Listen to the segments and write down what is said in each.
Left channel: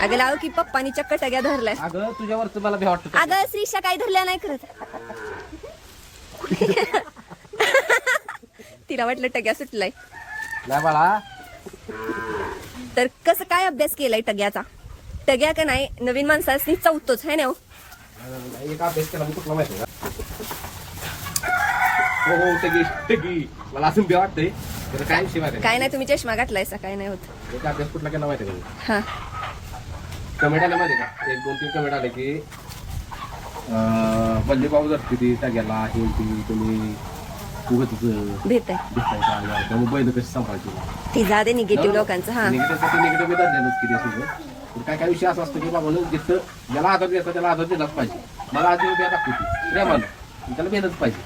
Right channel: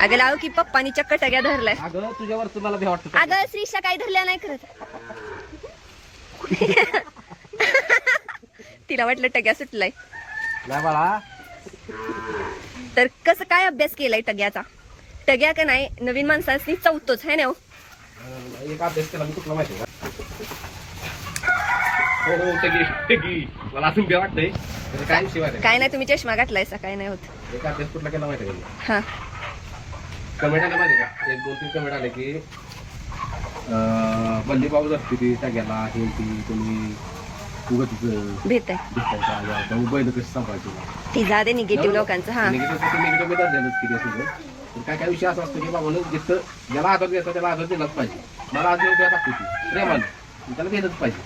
अगं लाव की पप्पानी चक्क टग्या धरलाय. अगं तुझ्यावरच मला भ्या वाटतं. अगं श्रीषा काय धरल्या नाही करत. तिला वाटलं टग्या सुटलाय. नाही बाळा. तर कसं काय अभ्यास केलाय टग्याचा? टग्या का नाही नवीन माणसाची चौथच आहे ना. एक अभ्यास केला मी कुठला माहिती का? हो टगी मला अजून भ्या वाटतंय. काय विषय माहिती काय नाही तुम्ही चष्मा घातलायसा काय नाही होत. एक अभ्यास कुठला केला माहिती का? हा कमेंट आले माहिती का? 1-2-3 कमेंट आले की बल्ली बाबू धरते ती टग्याला हे ती तुम्ही उगत भेट आहे दिसताय का? त्यामुळे बैल कशी सांभाळते ती जाते निगेटिव्ह लोकांचं. हा निगेटिव्ह धरलेलंच किती असं काय विषय असं असतं की बाबा जिथं ज्याला आदर द्यायचा त्याला आदर दिलाच पाहिजे. मला आदर द्या टाकतो ती प्रेमानं त्याला भेटच पाहिजे.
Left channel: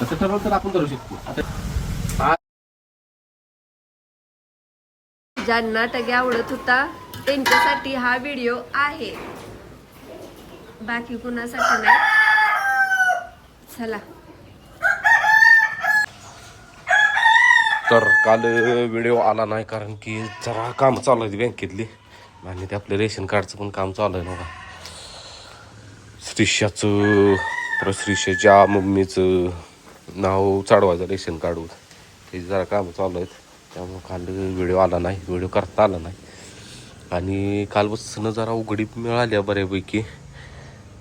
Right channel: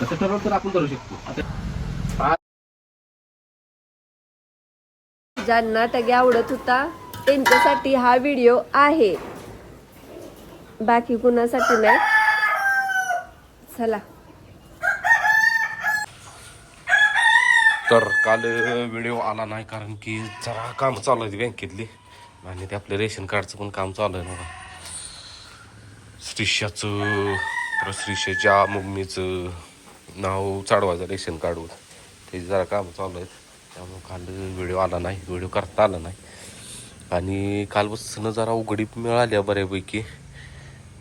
तसं ठरवलं तर आपण करू शकतो. आता ज्यांना टग्या आवडत होता त्यांच्यासाठी हा व्हिडिओ आहे, बाकी कुणासाठी नाही. चला तर काल व्हिडिओ आला नाही कारण की जरा काम चालू आहे बँकेतली आणि ते आपलं रेशन कार्डचं पण काम चालू आहे बघा. श्रीषाचं परत श्रीषाच्या मम्मीचं नाव चढवायचं रेशन कार्डवर ते जरा काम चालू आहेत. त्यामुळे काल व्हिडिओ आला नाही, व्हिडिओ करता आला नाही. आणि कालपासून जरा उघडीप मिळाली बऱ्यापैकी.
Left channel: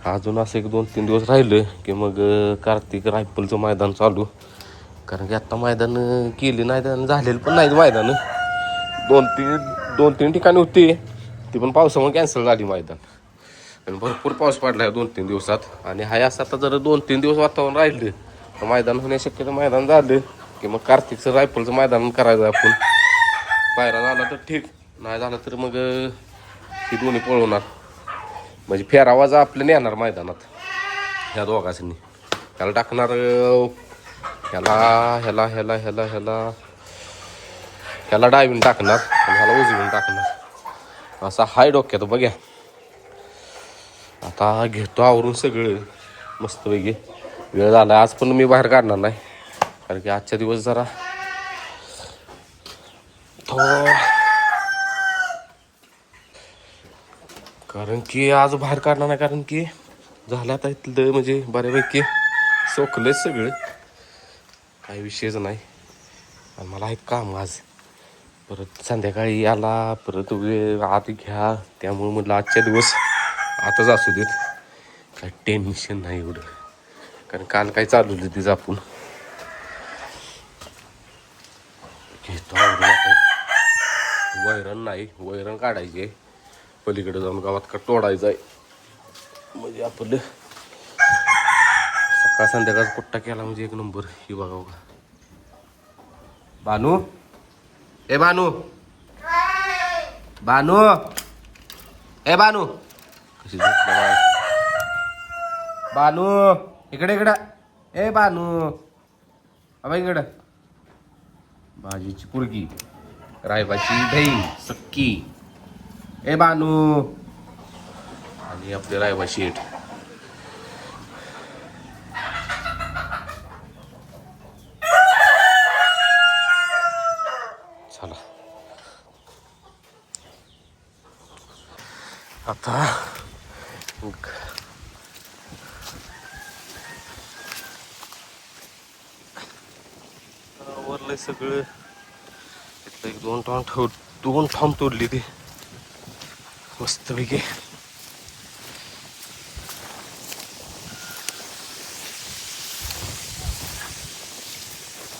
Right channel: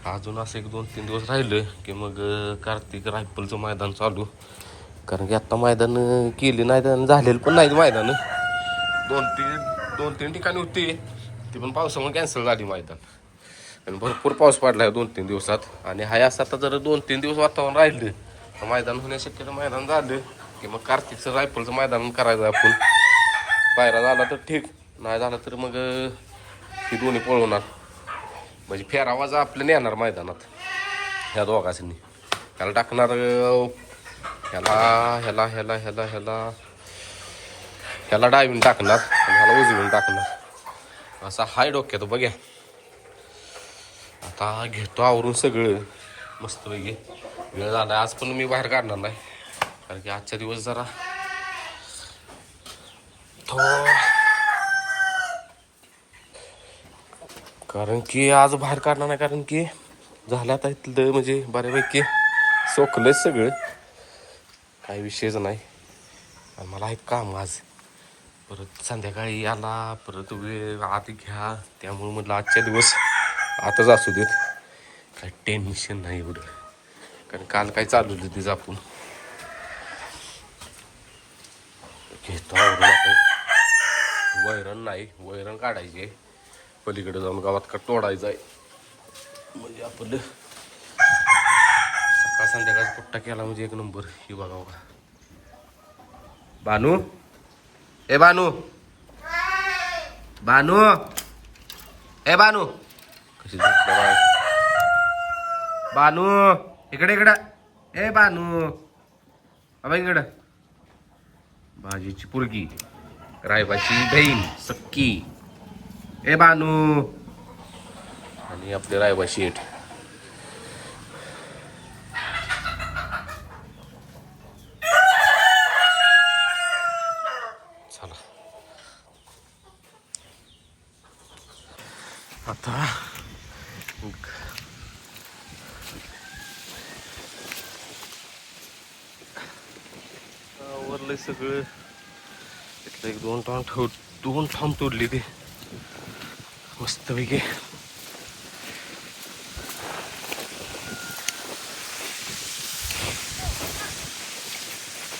अजून असं 1-2-3 दिवस राहिलं की मग कार्तिक रायफलचं मैदान चालू. कारण की आत्ता मैदान केली नाही तर झालेलं पण नाहीत मैदान. 2-3 ठिकाणी होती ती पण पावसामुळे कॅन्सल झाली मैदान. आणि भरपूर पाऊस पडला आहे 2-3 दिवसात. आणि हाय असं आता जर 2-3 दिवस वातावरण राहिलं तर मैदान होण्यास शक्यता मैदान झालं की मग कार्तिकचं रायफलचं मैदान करायचं आपण. पायरा झाला तर ठीक, नाही झालं तर मग ही दोन्ही पळवणार. म्हणजे फेरावाजा आपलं नेणार मैदानात ह्या दोघांनी. त्याला टाकणार ह्याला डायविंग टाकणार आणि ह्याला उजवीन टाकणार. असा हाय डोक्यात बघ्या. आता घेतो आवरून सगळं मस्तपैकी. वेळ झाला आज पण मी बाहेर काढणार नाही कारण की आजच्या दिवस जरा कारण की आज बाहेर काढणार नाही कारण की झालं आता इथलं म्हणजे बऱ्यापैकी सोकलंच सगळं, काही विषयच नाही. आणि मला आहेत काम आज. परत संध्याकाळी आला परत वेळ आत घ्या, त्यामुळे म्हटलं आजच्या दिवस आताच असू देत, काही टेन्शन नाही एवढं. कारण काल काय चालवलं तिचं आपण घेतो आवरून. आता वैरण नाही, वैरण काढायची आहे पलीकडे जाऊन गावात का तोडायचं आहे. म्हणजे आपलं सकाळ संध्याकाळ पुट्टा केला म्हणजे एक नंबर. ही बघा बघा बानू, ए बानू, बानू, ए बानू कशी झोपल्या बाळा. बानू इकडे इकडं, ए बानू बाबा इकडं. भाजीची पुरगी, रायबाची बहीण सक्की, ए बानू. आणि आपले रायबा शेठ. चला आता वरलं सगळं. इथलं 2 ठाम तोडली ती मस्तपैकी.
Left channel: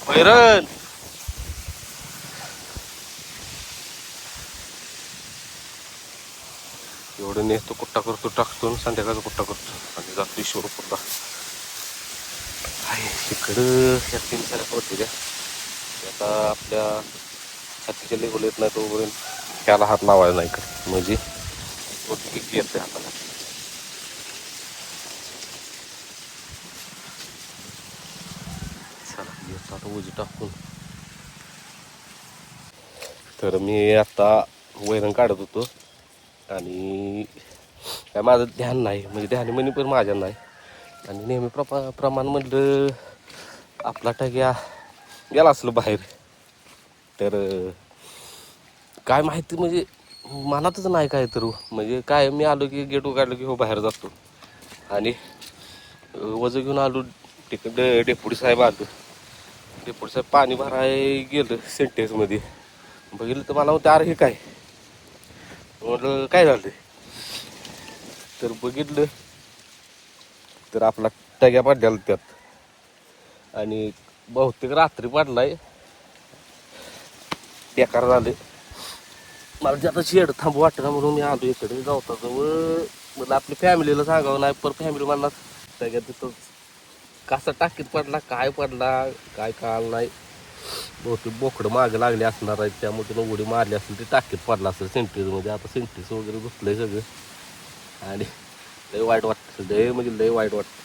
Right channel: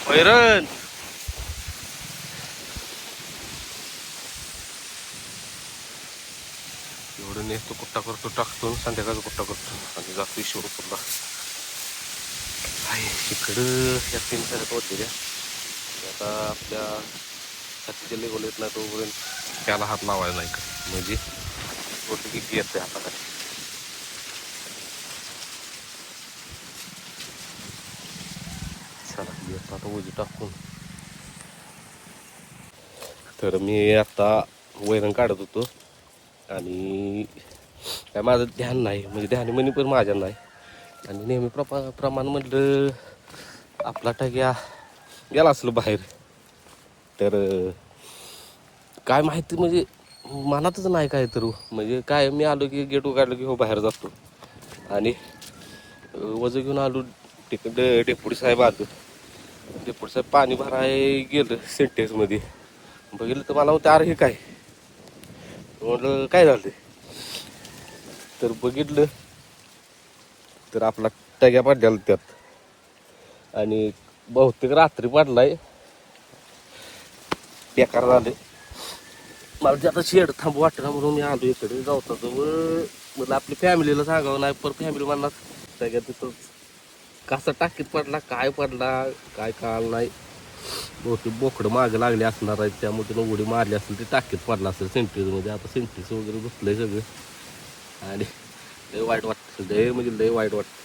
वैरण एवढं नेसतो कुट्टा करतो टाकतो संध्याकाळचा कुट्टा करतो आणि जातो ईश्वरपूरला. आहे इकडं ह्या 3 साऱ्या होते द्या. आता आपल्या छातीच्या लेवल येत नाही तोपर्यंत त्याला हात लावायला नाही का, म्हणजे किती येते हाताला. चला येतो आता उजी टाकून. तर मी आता वैरण काढत होतो आणि काय माझं ध्यान नाही, म्हणजे ध्यानी म्हणी पण माझ्या नाही. आणि नेहमी प्रमाण म्हटलं आपला टग्या गेला असलं बाहेर तर काय माहिती म्हणजे मनातच नाही काय तर म्हणजे काय मी आलो की गेट उघडलं की हो बाहेर जातो आणि वजन घेऊन आलो तिकडं डेपुटी साहेब आलो. डेपुटी साहेब पाणी भराय गेलं सेंटेक्समध्ये बघितलं तर मला म्हणते अरे हे काय म्हटलं काय झालं तर बघितलं तर आपला टग्या पडलेला त्यात आणि बहुतेक रात्री पडलाय बेकार झालं. मला जे आता शेड थांबू वाटतं म्हणून मी आलो इकडे गावताजवळ म्हटलं आपली फॅमिलीला सांगावं नाही पर फॅमिली मला टग्या तिथं कसा टाकीत पडला काय काळ नाही. बहुतेक बोकडं मागं लागले असणार आहेत त्यामुळे त्यानं उडी मारली असेल ते टाकीत पडला असेल सेंटेक्समध्ये. आता सेंटेक्स वगैरे घुसलंय सगळं आणि लय वाईट वाटतं लय म्हणजे लय वाईट वाटतं.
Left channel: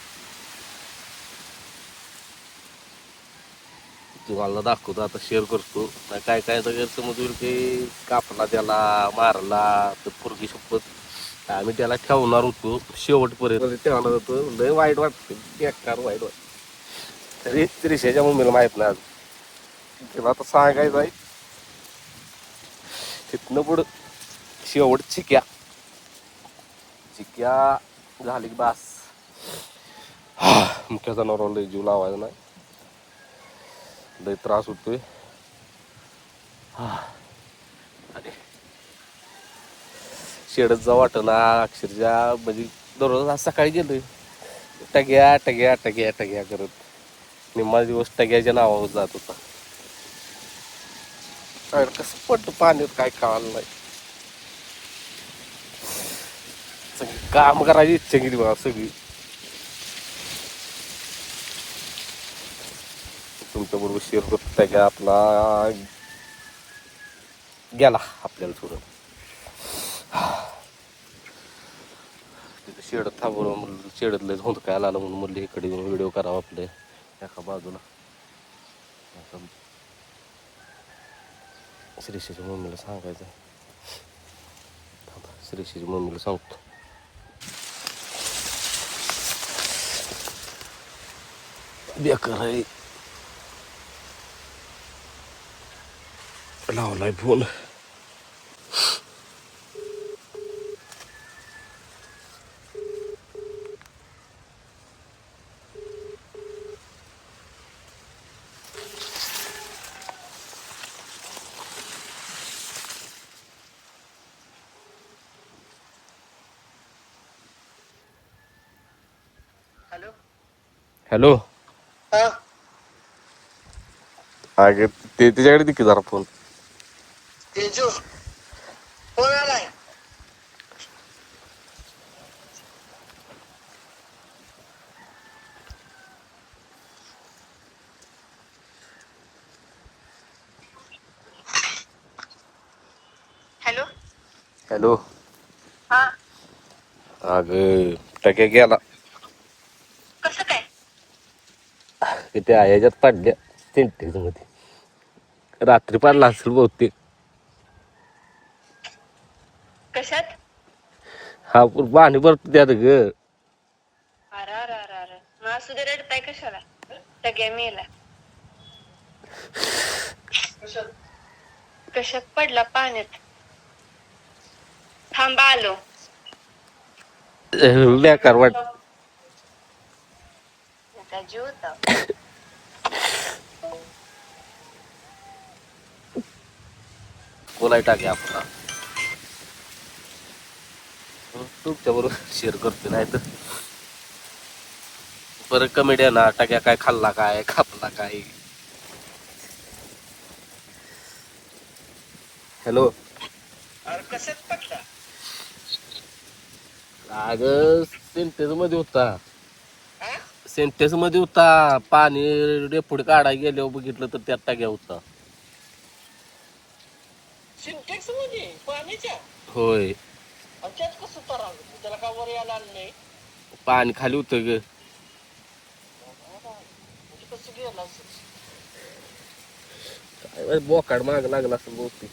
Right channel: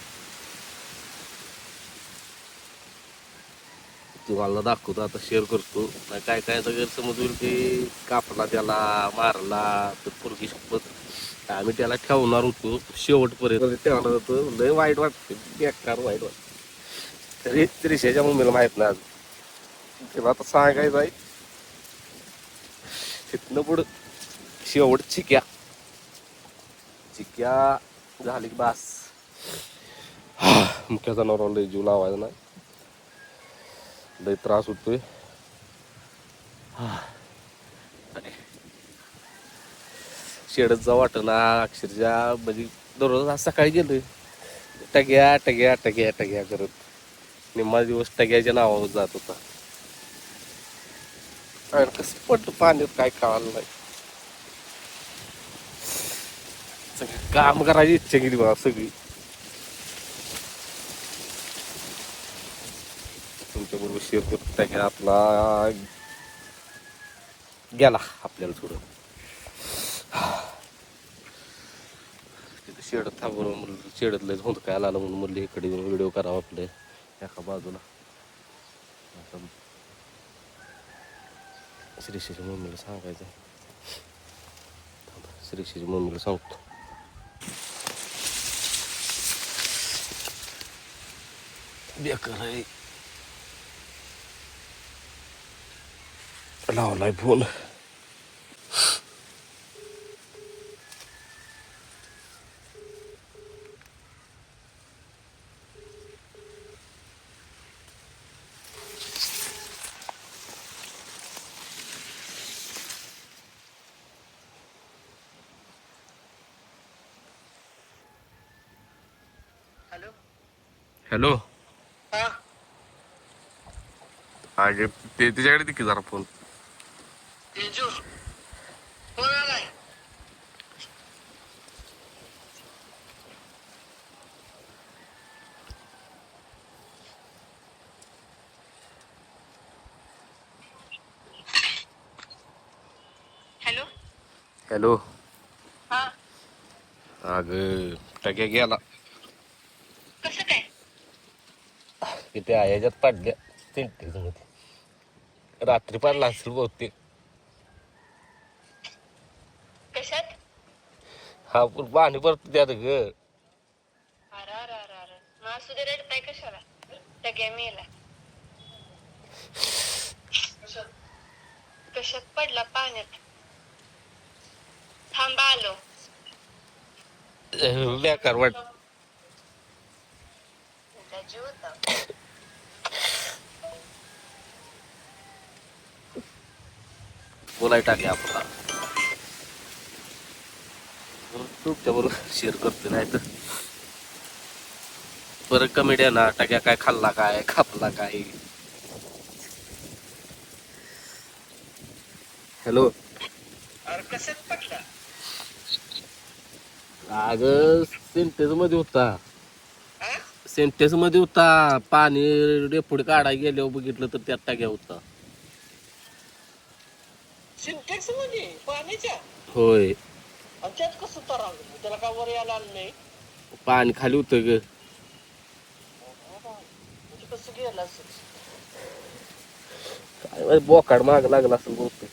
तुम्हाला दाखवतो आता शेअर करतो नाही काय काय तर गैरसमज होईल की कापला त्याला मारला तर पोरगी शपथ आम्ही त्याला ठेवणार होतो शेवटपर्यंत ठेवणार होतो. लय वाईट वाटते बेकार वाईट वाटतं तरी त्रिशाच्या मम्मीला माहित नाही आज तिला आता सांगायचं आहे तिथनं पुढं शेवट चिक्या झाली की बास. मुख्या जनावरांना लय जीव लावायचा नाही लय त्रास होतोय. आणि शेडच जा वाटना अक्षरशः म्हणजे दररोज आज सकाळी गेलोय टग्या टग्या टग्या टग्या करत निम्मा दिवस टग्याच्या नावावर जात होता. कसं पडलं पाण्यात काय कळालं नाही. सगळी काम करायची इच्छा केली बघा सगळी. तुमच्या बरोबर शेअर करतो टग्या आपला गेला आपल्याला सोडून. तिथं शेड थांबवलं म्हणलं शेडतलं होतं काय आलं म्हणून म्हणलं इकडे येऊन व्हिडिओ करावा आपले एका बाजूला. श्रीशीच्या मम्मीला सांगायचं आहे श्रीशीच्या मम्मीला सांगतो. बेकार आहे लावलाय फोन. हॅलो अगे ते त्याच्याकडे दे की जरा फोन. हॅलो हॅलो हा अग टक्या गेला कसं काय किती ह्याच्यात पडल्या सेंटेक्स मध्ये रात्री पडला असेल बहुतेक. कशात हा पाणी भरतो त्यात ग. अरे अरे अरे अरे मग असू दे रडताय कशाला टग्या मेला. कशात पडला पाण्यात थांबा आलो. बेकार वाट त्याचा जीव होता. बोलाय टाके आपला तुमच्या बरोबर शेअर करतो नाही तर बरं कमेडी ना टाक्या काय खाल्ला काय खापला काय. हॅलो अरे कशात पडला अग सेंटेन्स मध्ये होता सेंटेन्स मध्ये होता पाणी डेपुढे काढायला गेल्यावर बघितलं तर त्यात टाक्या होता. सिंटेक्स मध्ये पाण्याच्या होय त्यात कसं तर त्याला का वर यायला आलं नाही पाणी खाली होतं ग. म्हणजे कसं गेलं असेल काय बोकाड माग लागला असेल बहुतेक.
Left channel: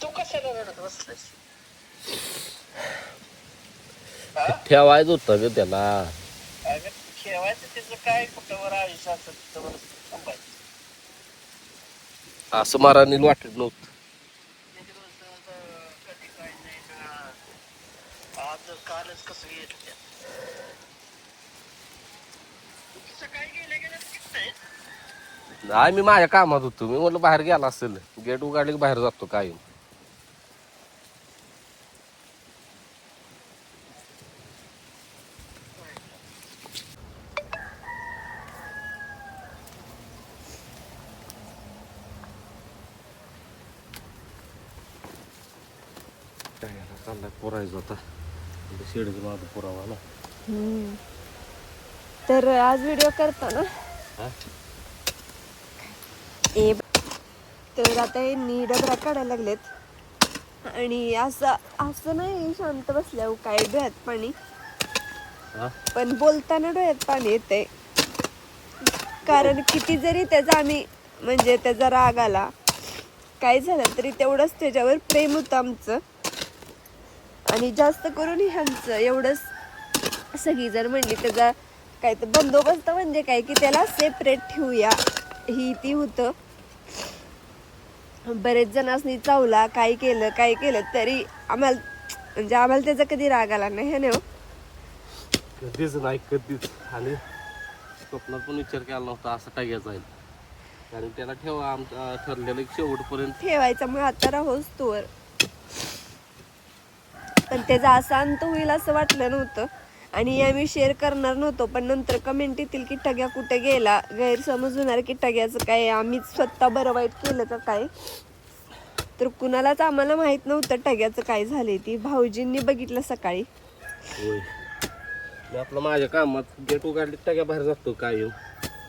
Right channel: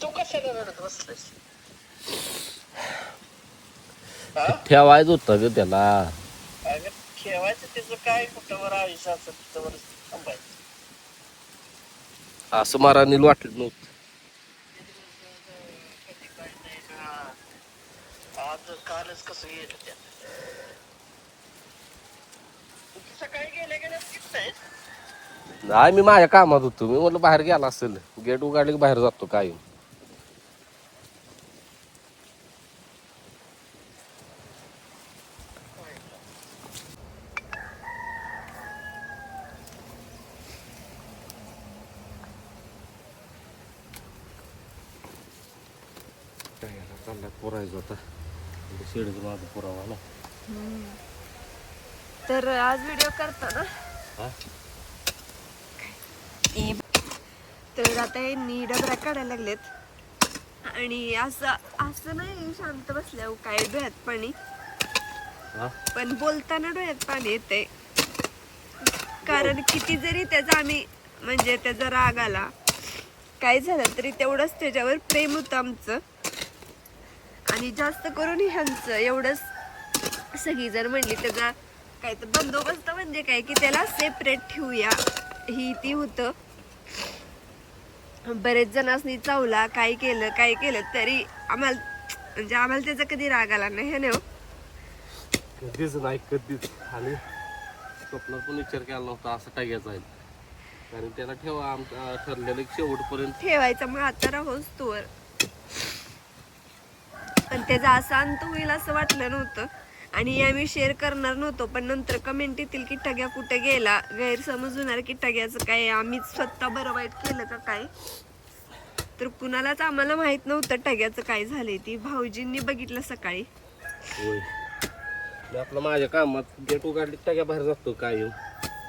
तू कशाला रडत बसलायस ठेवायचं होतं ग त्याला. अगं ठेवायचं त्याचं काय कुठं वर आयुष्य असतं तिथं वर थांबायचं. असं मारायला वाटत नव्हतं. कधी काय नाही ना. आज कालच कसं येत त्यात. तुम्ही सकाळी गेल्या किती नाही. नाही मी माझ्या कामात होतो. मी म्हटलं बाहेर गेला असेल. गेट उघडले की बाहेर जातो काय. चाललाय पोरायचं आता शेडचं माझं पुरावा ना. तर आज व्हिडिओ करता ना हा? तर आता यांनी डबरा काढायला लागलेत आणि असं नाही शांत बसल्यावर काय डोळ्यात पाणी, हा? पण बोलताना डोळ्यात पाणी येते. कारण किती जरी त्याचा आम्ही म्हणजे त्याचा राग आला काय झालं तरी तेवढंच त्याच्यावर प्रेम होतं आमचं. आणि जास्त करून ह्यांचं एवढंच सगळी जर म्हणली त्याचा काय तर बंदोबस्त म्हणजे काय की त्याला सेपरेट ठेवूया ही ती होतं. बरेच जणांनी चावला काय केलं तरी आम्हाला म्हणजे आम्हाला त्याचा कधी राग आला नाही हे ना. कधीच नाही कधीच. आणि स्वप्नात पण विचार केला नव्हता असं टाकायचं आहे. कारण त्याला ठेवा आमचा ठरलेलं शेवटपर्यंत ठेवायचा मग आता राहोस तोवर. पण त्याचा असा अंत होईल असं वाटलं नव्हतं आणि आम्ही शेअर करणार नव्हतो. पण नंतर कमेंट येतील की टग्या कुठे गेला, गैरसमज होणार की टग्याचं काय आम्हीच स्वतः बरं वाईट केलं का काय. तर कुणालाच आम्हाला माहित नव्हतं टग्याचं काय झालंय. ती भाऊजींनी बघितलं सकाळी. होय. मी आपलं माझ्या कामात गेट उघडली टाक्या बाहेर जातो काय.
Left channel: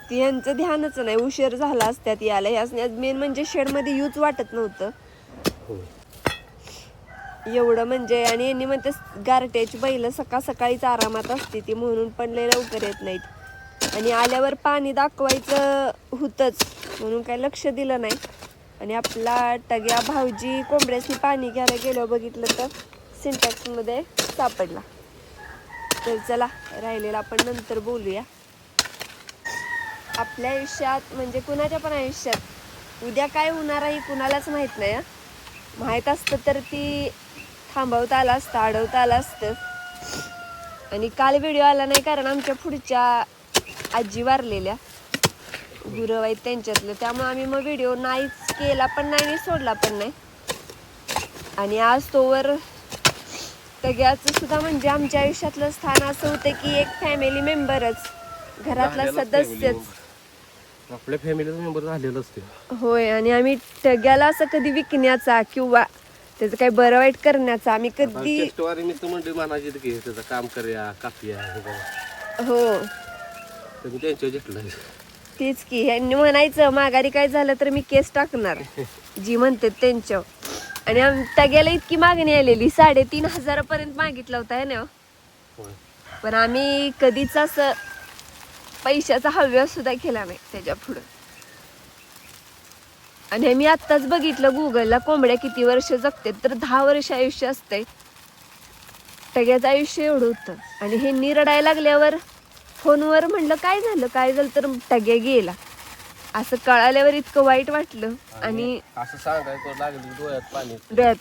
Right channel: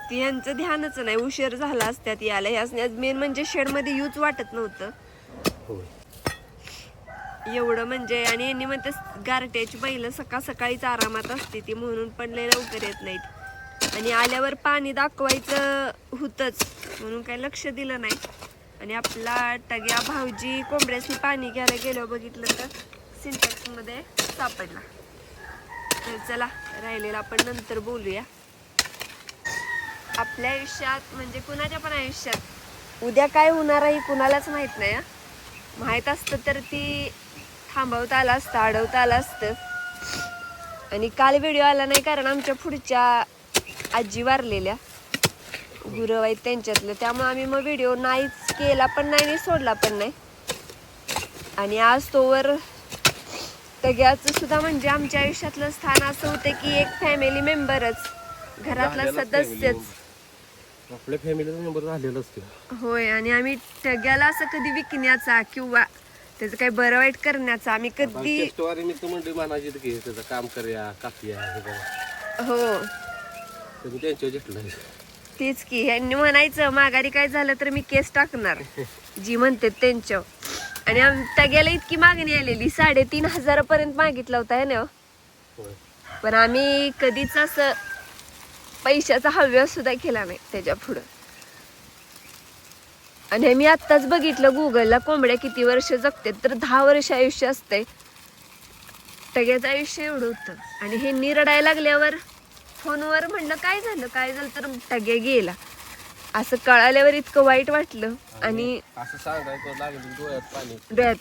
ती यांचं ध्यानच नाही. उशीर झाला असत्यात याला. ह्याच मेन म्हणजे शेडमध्ये यूज वाटत नव्हतं होय. एवढं म्हणजे. आणि यांनी म्हणते गारट्याची बैल सकाळीच आरामात असते ती म्हणून पण लय लवकर येत नाहीत. आणि आल्यावर पाणी दाखवायचं होतंच म्हणून काही लक्ष दिलं नाही. आणि आपला टग्या भाऊजी कोंबड्याची पाणी घ्यायला गेल्यावर बघितलं तर सिंटॅक्स मध्ये सापडला. तर चला राहिलेला आपण नंतर बोलूया. आपल्या आयुष्यात म्हणजे कुणाच्या पण आयुष्यात उद्या काय होणार आहे कुणालाच माहित नाही. माहित असतं तर ती थांबवता आलं असतं, अडवता आलं असतं. आणि काल व्हिडिओ आला नाही कारण आमच्या पुढच्या आजी वारलेल्या गुरव आहेत त्यांच्यातलं. त्यामुळे आम्ही मग व्हिडिओ नाहीच केला पण नाही सोडला पण नाही. आणि आज तोवर टग्याचं सुद्धा म्हणजे आमच्या आयुष्यातलं स्थान असं होतं की एक फॅमिली मेंबरच, घरातला सदस्यच. आपल्या फॅमिलीचा मेंबर झालेलं असते. होय. आणि आम्ही टग्याला असं कधी विकण्याचा किंवा त्याचं काही बरं वाईट करण्याचा आम्ही कधी मित्र मंडळी म्हणायचे की त्याचं काम करूया कापूया हे करा. हो तुम्ही त्यांच्यावर घेतलं. तेच की ह्यांनी म्हणायचं माघारी काय झालं तर मी केस टाकणार जी म्हणते त्यांच्या. आणि टग्याला इतकी मागणी आलेली 3,500 पर्यंत मागितला होता है ना. पण आम्ही कधीच असं पैशाचा हव्यास सुद्धा केला नाही त्याच्या पुढं. आणि मी आत्ताच बघितलं गुगलला कोंबड्या किती वर्ष जगते तर 10 वर्ष आयुष्य असते. टग्याचं आयुष्य एवढं होतं. आणि हे निरडायला लागल्यावर फोनवर म्हणलं काय झालं तर टग्या गेला असं कळाल्यावर इतकं वाईट वाटलं. आणि असं सांगायचं लागलं डोळ्यात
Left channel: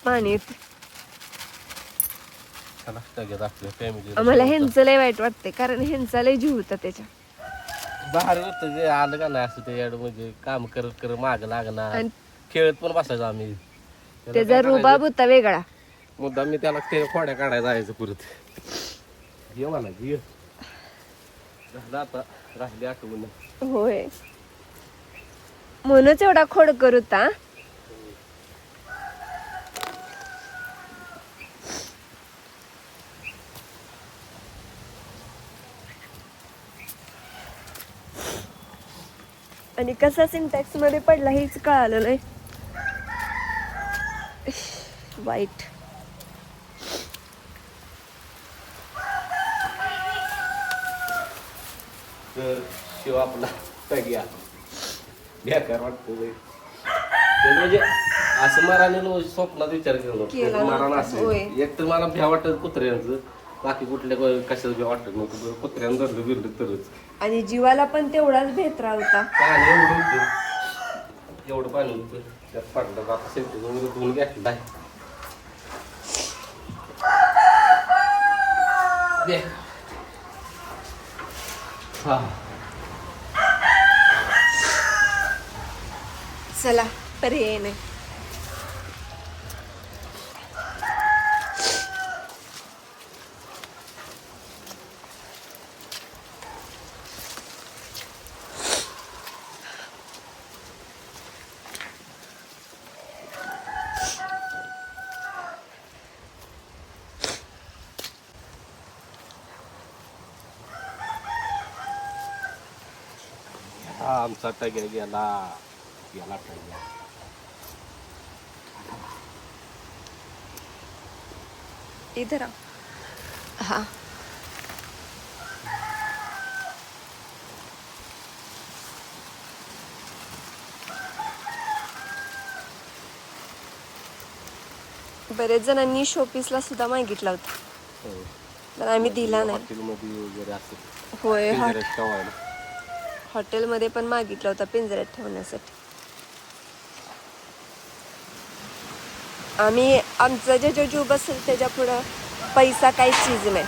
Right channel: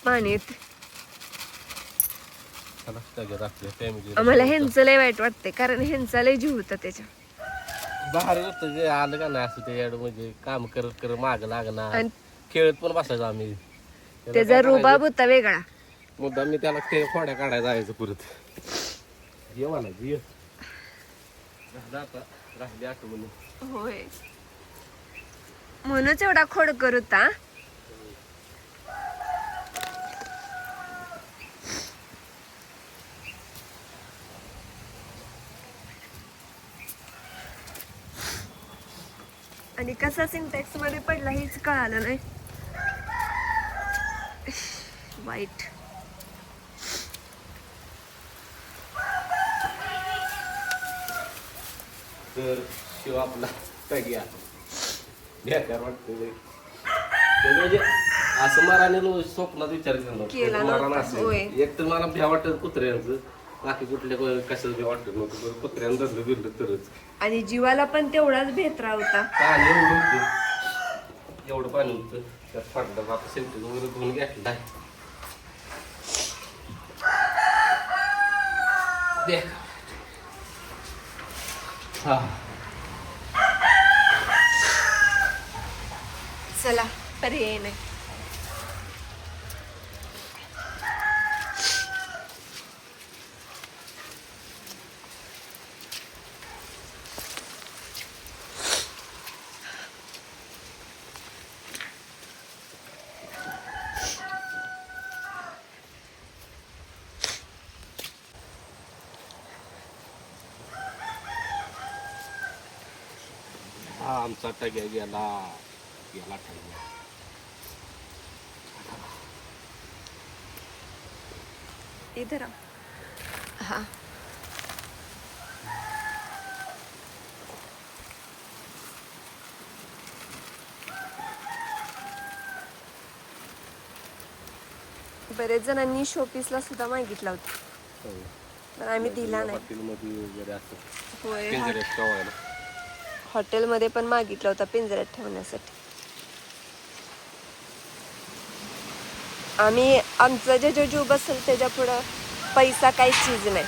पाणी येत. आपल्या फॅमिली आम्हाला ह्यांचं लय वाईट वाटतंय कारण ह्यांचा लय जीव होता त्याच्या. बाहेर होतं जे आलं का नाही असं ते ऍड म्हणजे काम करत माग लागणार आणि खेळत पण बसायचं आम्ही. त्याचा रुबाब होता वेगळा. मुद्दा मी त्याला ते खोड्या काढायला जायचं परत. ये मला ये झालं आता राहिली आठवण. होय म्हणूनच एवढा खोडकर होता. आणि कसा सिंटॅक्स मध्ये पडला हेच कळालं नाही. वाईट. तर शिव आपला टग्या बेकार वाटतो म्हणजे असं मराने स्वप्नात विचार केला केला मरण नव्हता, असेल. होय. एक तर मला भ्या वाटत कुत्र्यांचं बाकी कुठल्या कशाचं बी वाटत नव्हतं बरं कुत्र्यानं धरलं बिरलं तरच आणि जीवाला पण तेवढाच भेत्रा होता. पाणी एवढं होतं एवढं पाणी होतं त्यात पडलं आता शेवटी वगैरे धुवून घेतलं आहे दे. हा चला पर्याय नाही. हा आमचा टग्या गेला गेला टग्या. इधर आ. हा बरेच जणांनी शोपीसला सुद्धा मागितला होता पण आम्ही दिला नाही. हॉटेलमध्ये वगैरे असं होय पिंजऱ्यात ठेवायला. हॉटेलमध्ये पण मागितला होता पिंजऱ्यात ठेवण्यासाठी. आम्ही आमचं जे जीव बसेल त्याच्या पुढं पैसा काही चीज नाही.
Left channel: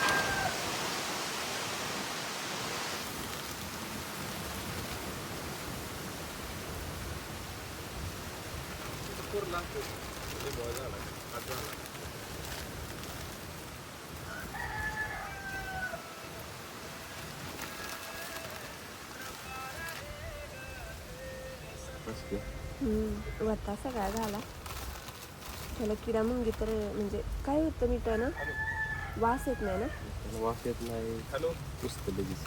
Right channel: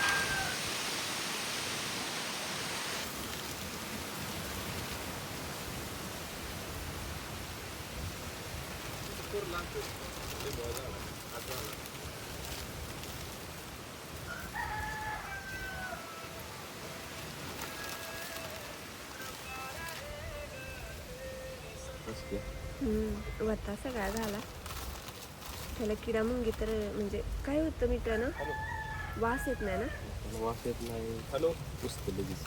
वता सगळा झाला. त्याला किडा मुंगी तर म्हणजे काय होतं मीठ ना वास येत नाही ना. वास येत नाही. हॅलो पुसतं लगेच.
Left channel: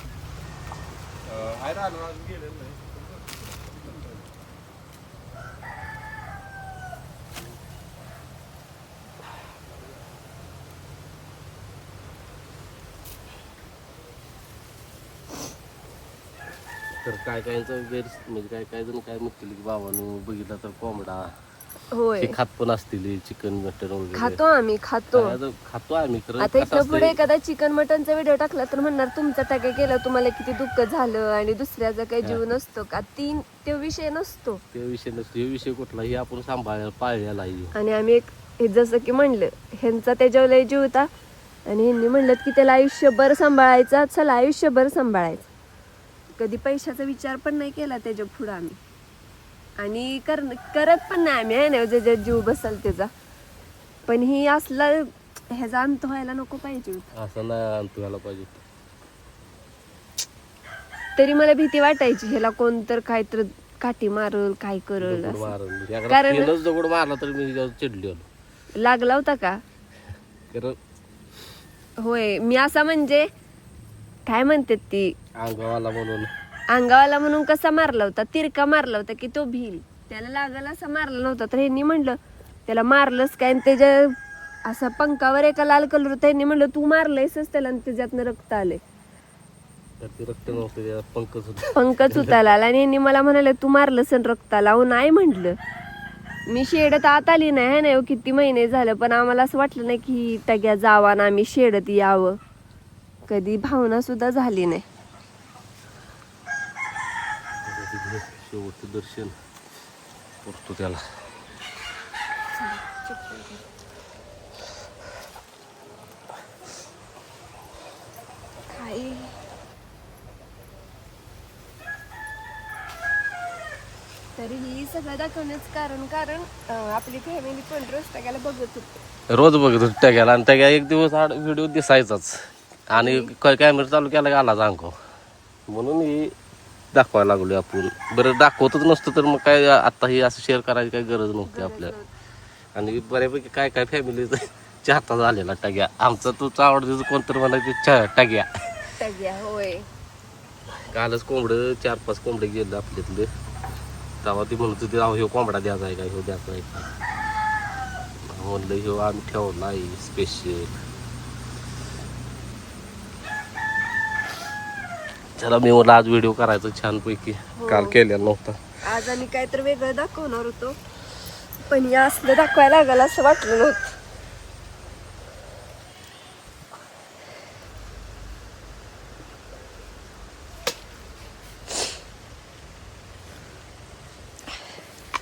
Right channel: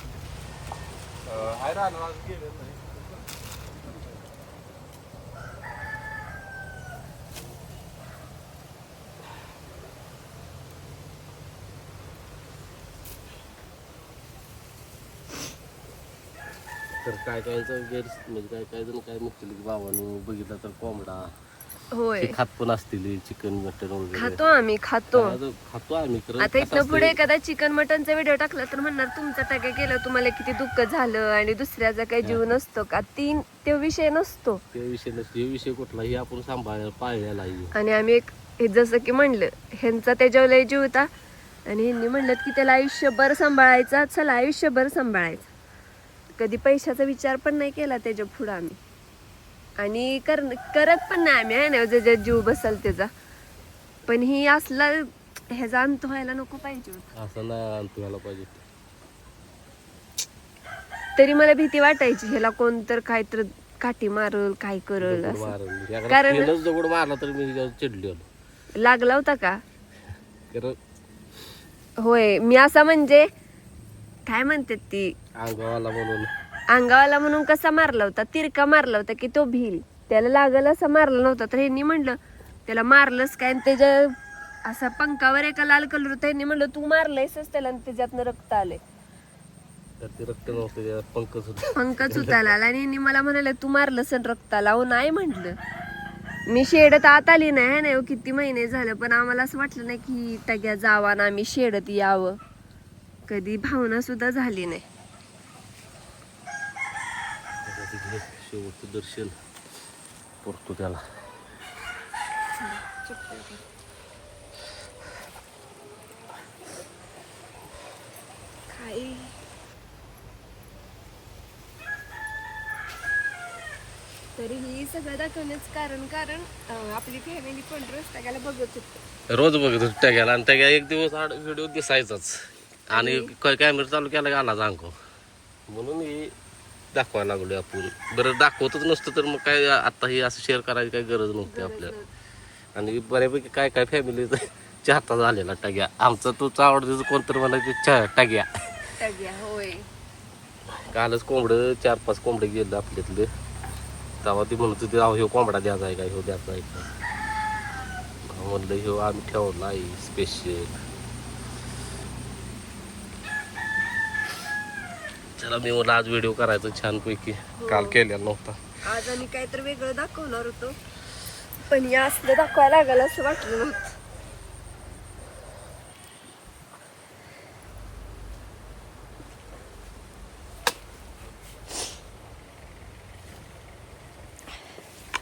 तर काय कायचं गैर म्हणजे काय जण काय म्हणतील की बाबांनो बघितलं तर कोंबडा होय हे खात पण असतील चिकन मटन वगैरे. खातो आम्ही खातो. खातो आम्ही खरं. आता इथं पुढे एखादा चिकन मटनचा व्हिडिओ टाकला तर म्हणणार तुमचा टॅग केलं तुम्हाला किती दुःख झालं आणि दुसऱ्याचा काही जीव नसतो का. तो विषय नसतो. ते विषय नसतो. हे विषय कुठलाही आपण सांभाळायला पाळलेला आहे. आणि आम्ही एक हे जसं की म्हणलं ह्यांचा त्याच्यावर लय जीव होता आणि ह्यांनी म्हणलं की त्याला आयुष्यभर सांभाळायचा. चला आयुष्यभर सांभाळायचं. कधी पैशाचा विचार पण नाही केला त्याच्या पुढं आम्ही आणि करत पण नाही आम्ही आहे ना जे जीव बसल त्याचा. पण ही असला ह्याचा अंत व्हायला नको पाहिजे. असं नाही अंत व्हायला पाहिजे. तरी मला भीती वाटायची ह्याला कोण तर काय तर काठी मारल काय करल दगड असं. मारल. कारण- पहिलंच दगड मारला तर मी त्याच्यावर चिडली होतो. लागला होता का. कारण होय मी असा म्हणजे काय म्हणतात ती अंगावाला म्हणून अंगावाला म्हणून कसा मारला होता तिरका मारला होता की तो भिल त्याला लागल असा मारला नव्हता. तर ह्यांनी म्हणलं त्याला मारलंच काय आणि त्याच्या असं पंखावर एका लाल कलर होता. ह्यांनी म्हणलं तू मारलायसच त्याला आणि त्याच्यातनं रक्त आले. तर ते रक्त नव्हतं त्यात पंकच होत. पंकच उताला आणि ह्यांनी मला म्हणाले तू मारलंस आणि रक्त आला. अहो नाही म्हटलं मी शेडत आत आली नाही ना किती महिने झालं पण आम्हाला असं वाटलं नाही की टग्या जावा ना आम्ही शेडत यावं. कधी भावना सुद्धा झाली नाही. शेवटचं दर्शन करतो त्याला. तरीही सगळं दाखवण्याचं कारण आपली फॅमिली पण रोज टग्याला बघत होते. रोज बघत होतो टग्याला आणि टग्या एक दिवस व्हिडिओ दिसायचाच आणि कॅमेरा चालू केला गेला अंको म्हणून ही दाखवायला लागलो आपण. बरं दाखवतच नसतं तर मग काय आता ही असं शेअर करायची काही गरज नव्हती आपल्याला. आणि बऱ्यापैकी काय काय फॅमिलीचा चाहता झालेला टग्या. आमचा तोच आवडतीच कोणतरी म्हणायचे टग्या. होय कालच कोंबडं 4-5 कोंबडे गेलं आपल्यातले. तेव्हा ती म्हणत होती ह्यो कोंबडा द्यायचा आहे का ह्यो द्यायचा आहे का. म्हणलं ह्यो आम्ही ठेवला आहे स्पेशल. चला मी मला आज व्हिडिओ करायचा छानपैकी. काल केलेला नव्हता. आज आम्ही काहीतरी वेगळं दाखवणार होतो पण या असलं दाखवायला लागलं असं वाटलं नव्हतं.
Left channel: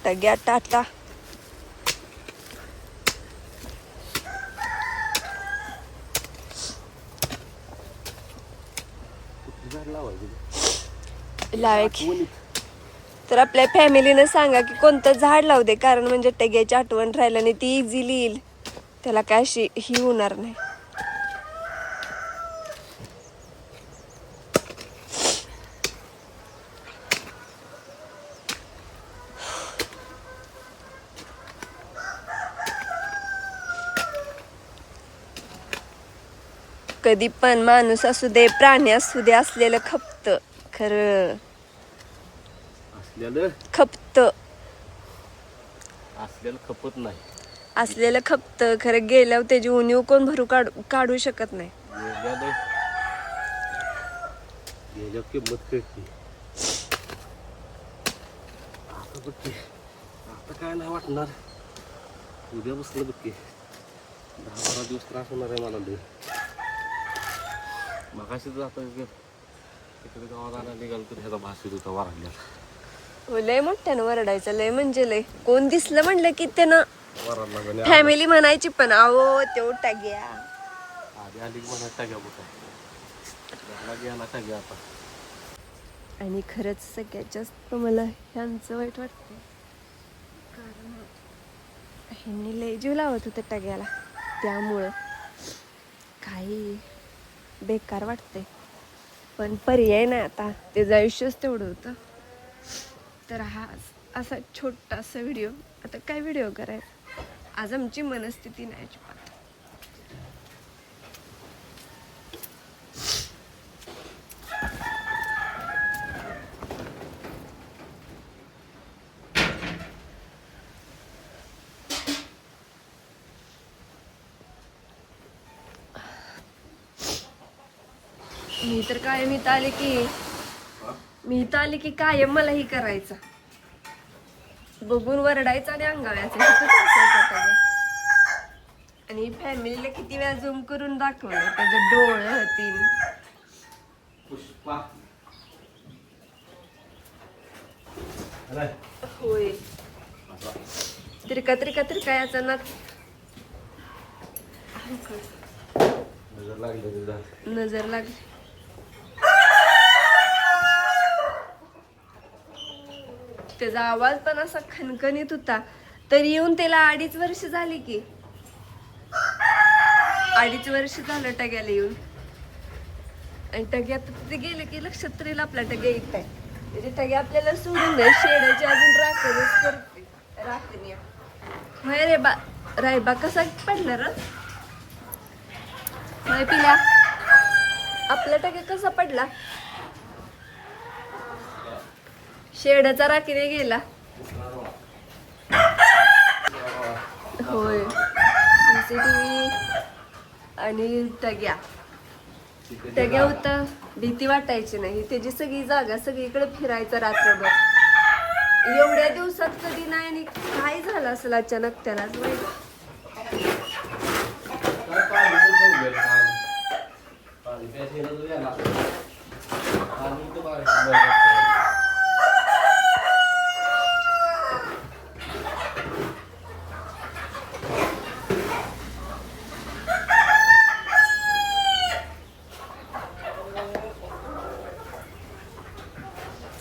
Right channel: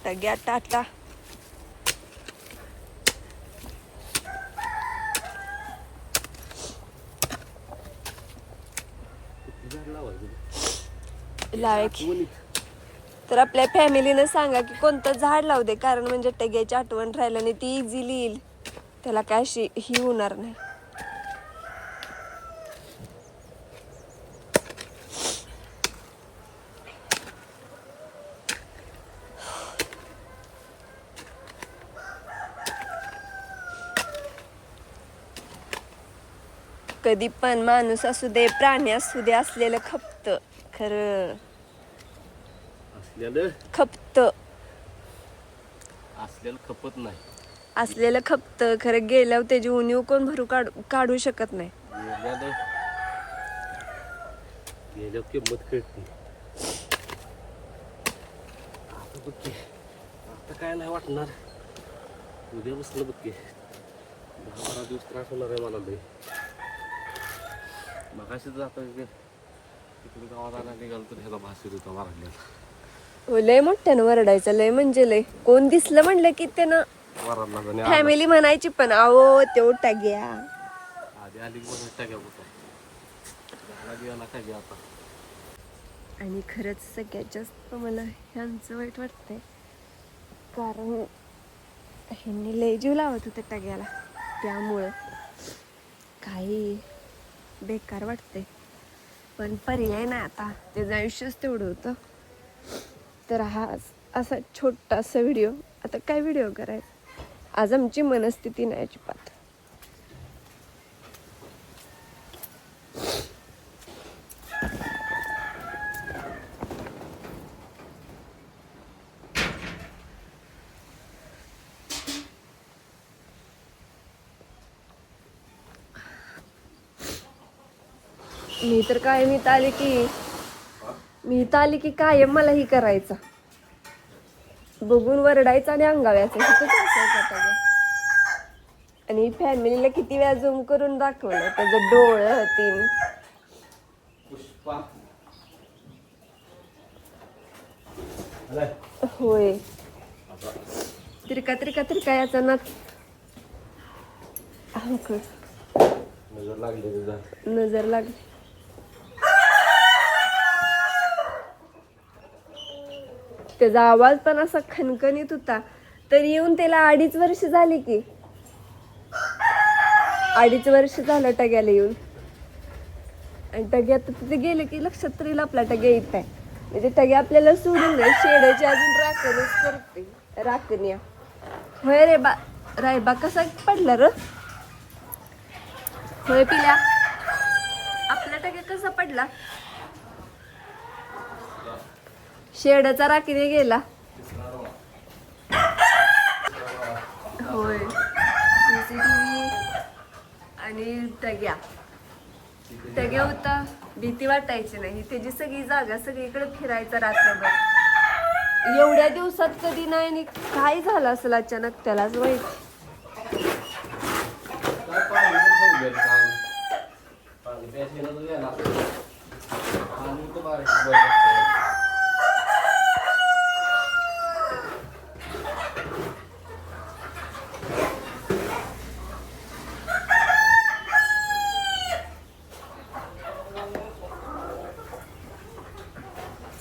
टग्या टाटा. लावायची तर आपल्या फॅमिलीनं सांगा की कोणतं झाड लावू दे, कारण म्हणजे टग्याची आठवण राहिलं नाही ती इझिली येईल, त्याला काय अशी ही होणार नाही. कधी पण माणूस असू दे प्राणी असू दे असलेलं खपत, खरं खपत, असलेलं खपत नाही. असलेलं खपत खरं, गेल्यावर त्याची उणीव कोण भरू काढू शकत नाही. गेल्यावर किंमत कळते. आता बघ की, आता काय नाही वाटणार. उद्या बसलं बघ की 10-12 दिवस त्रास होणार आहे मला लय. मगाशी तर आता तिकडे गावात आला निघाल तर ह्याचा भास होत होता वराडल्यात. लय मोठ्यानं वरडायचं, लय म्हणजे लय. कोण दिसलं म्हणलं की त्यानं वराडला फॅमिली म्हणायची, पण आहो तो टग्या आधी आली म्हणा टाक्या होता गेला टाक्या आता. आणि खरंच सगळ्यात जास्त मला ह्यांचं वाईट वाटतंय, कारण ह्यांनी लय जीव लावत होतं टग्याला, त्यामुळं काही बेकार वाटतंय. पण पर्याय ना, आता त्याचं आयुष्यच तेवढं होतं. तर हा असा छोटासा व्हिडिओ, आता काय व्हिडिओ करायचा, आज आमची मनस्थिती नाही अजिबात. मी तर आली की कायम मला ही करायचं, बघून वरडायचं आणि अंगाव्याचं. आणि फॅमिलीला किती वेळा झूम करून दाखवलं त्याचं डोळं तीन. होय, तिरका याचा नाच नजर लागली. त्याचा आवाज पण असा खणखणीत होता. तर येऊन त्याला 2.5 वर्ष झाली की, 2.5 वर्ष झालं टग्याला येऊन. आणि टग्यात तिथे गेलं की लक्षात तरी आपला टग्या येत आहे. म्हणजे टग्या आपल्याला सोडून नाही, शेडाची अजून राखणच करते. राखण्या होय रे बा, रायबा कसा पडला र, होय पिल्या, आपला टग्या कसा पडला. शेडाचा राखीने गेला. होय, CCTV आणि टग्या होता. भीती वाटायची नाही, त्याची सगळी जागा सगळीकडे फिरायचा रात्रभर. एवढ्या दिवसात कधी नाही, आणि काय झालं असेल अचानक त्यालाच माहित.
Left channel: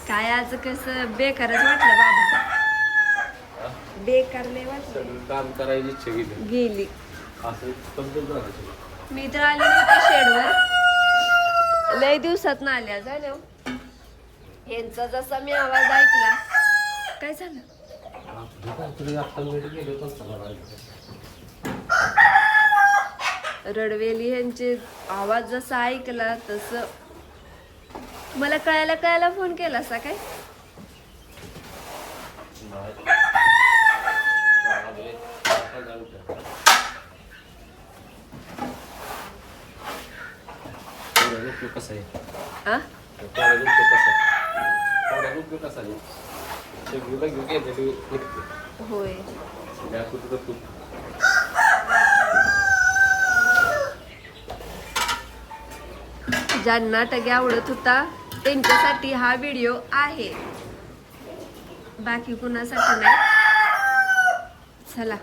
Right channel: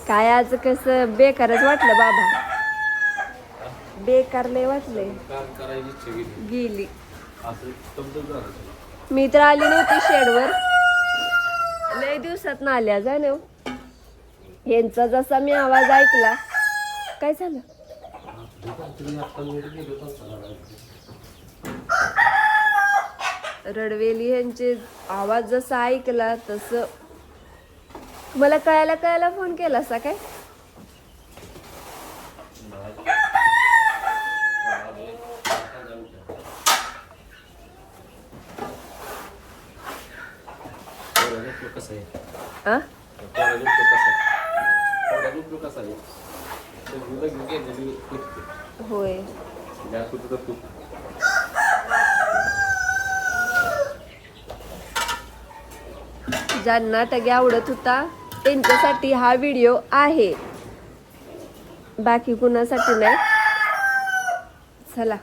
काय आज कसं बेकारच वाटलं बाबा, बेकार लय वाटले. काम करायची इच्छा गेली. असं समजून मी तर आली नव्हती शेडवर, लय दिवसात ना आल्या जा ना. यांचा जसा मी आवाज ऐकला, काय झालं, रडवेली यांचे आवाज जसा ऐकला तस मला कळायला फोन केला असा काय. कसा आहे होय, ज्यांना टग्या आवडत होता त्यांच्यासाठी हा व्हिडिओ आहे, बाकी कुणासाठी नाही. चला